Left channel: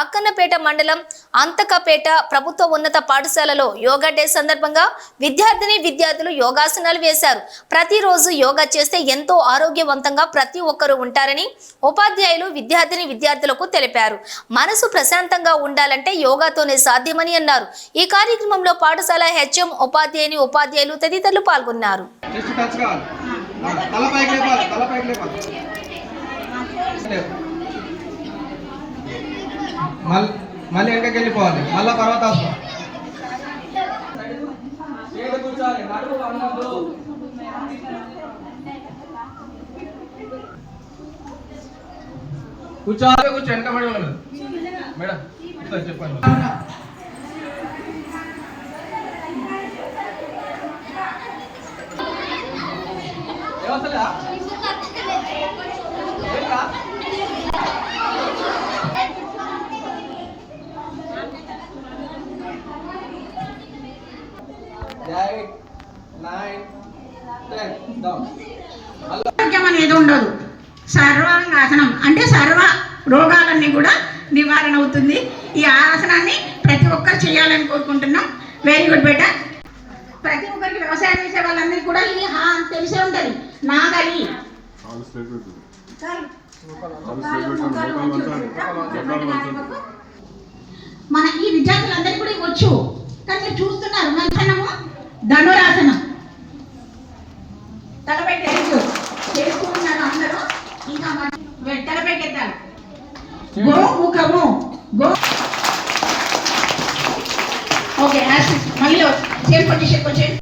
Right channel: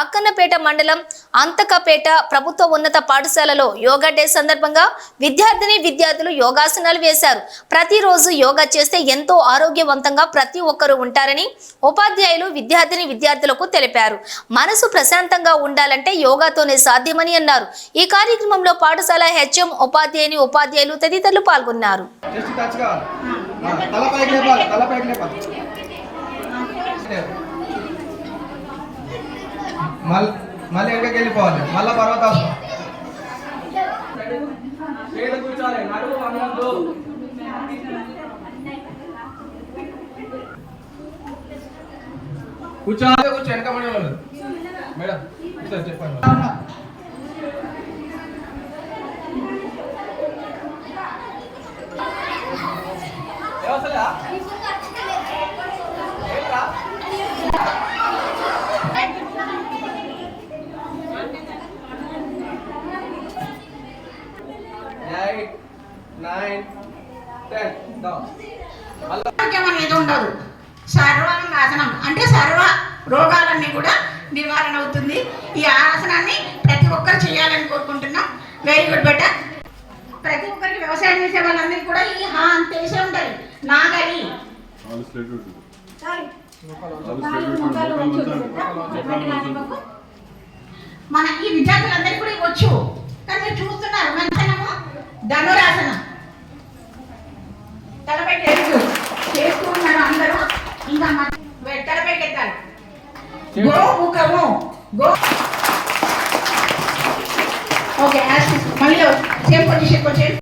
అక్కన్నపేట మండలం అంతకపేట ప్రభుత్వ ఉన్నత పాఠశాలలో యోగా డే సందర్భంగా విద్యార్థులు యోగాసనాలు వేశారు. ప్రతిరోజు యోగా చేస్తే ఎంతో ఆరోగ్యవంతంగా ప్రతి ఒక్కరూ ఉంటారని ఉపాధ్యాయులు విద్యార్థులకు తెలిపారు. మనసు ప్రశాంతంగా ఉండాలంటే యోగాతోనే సాధ్యమని అన్నారు. ఈ కార్యక్రమంలో పాఠశాల హెచ్ఎం, ఉపాధ్యాయులు తదితరులు పాల్గొన్నారు. మళ్ళీ వెనకకి వెళ్ళిపోవాలి. మళ్ళీ తర్వాత కూర్చోవాలి. వెనక మేడం చెప్పండి. అనేది ఉండదు. సర్వాంగాసనం అంటే సర్వ రోగాలన్నీ కూడా నివారణ అవుతుంది. ఈ ఆసనాన్ని ప్రతి ఒక్కరు చేయాలని కోరుకుంటున్నాం. వెరీ గుడ్ బెట. ప్రతి ఒక్కరికి వ్యవసాయం చేసే వాళ్ళందరికీ కూడా ఈ తెలిసే ఉంటుంది. నాగలి మన ఈ విద్యార్థులందరికీ కూడా వచ్చు. కానీ మీరు చూస్తున్నారు మంచనము ధనురాసనం తలపైకి చేస్తూ ఉన్నారు అందరూ. ఇంకా తలపైకి ఎత్తారు. గో ముఖము గో. ఓకే మళ్ళీ సేమ్ పొజిషన్కి వచ్చేది.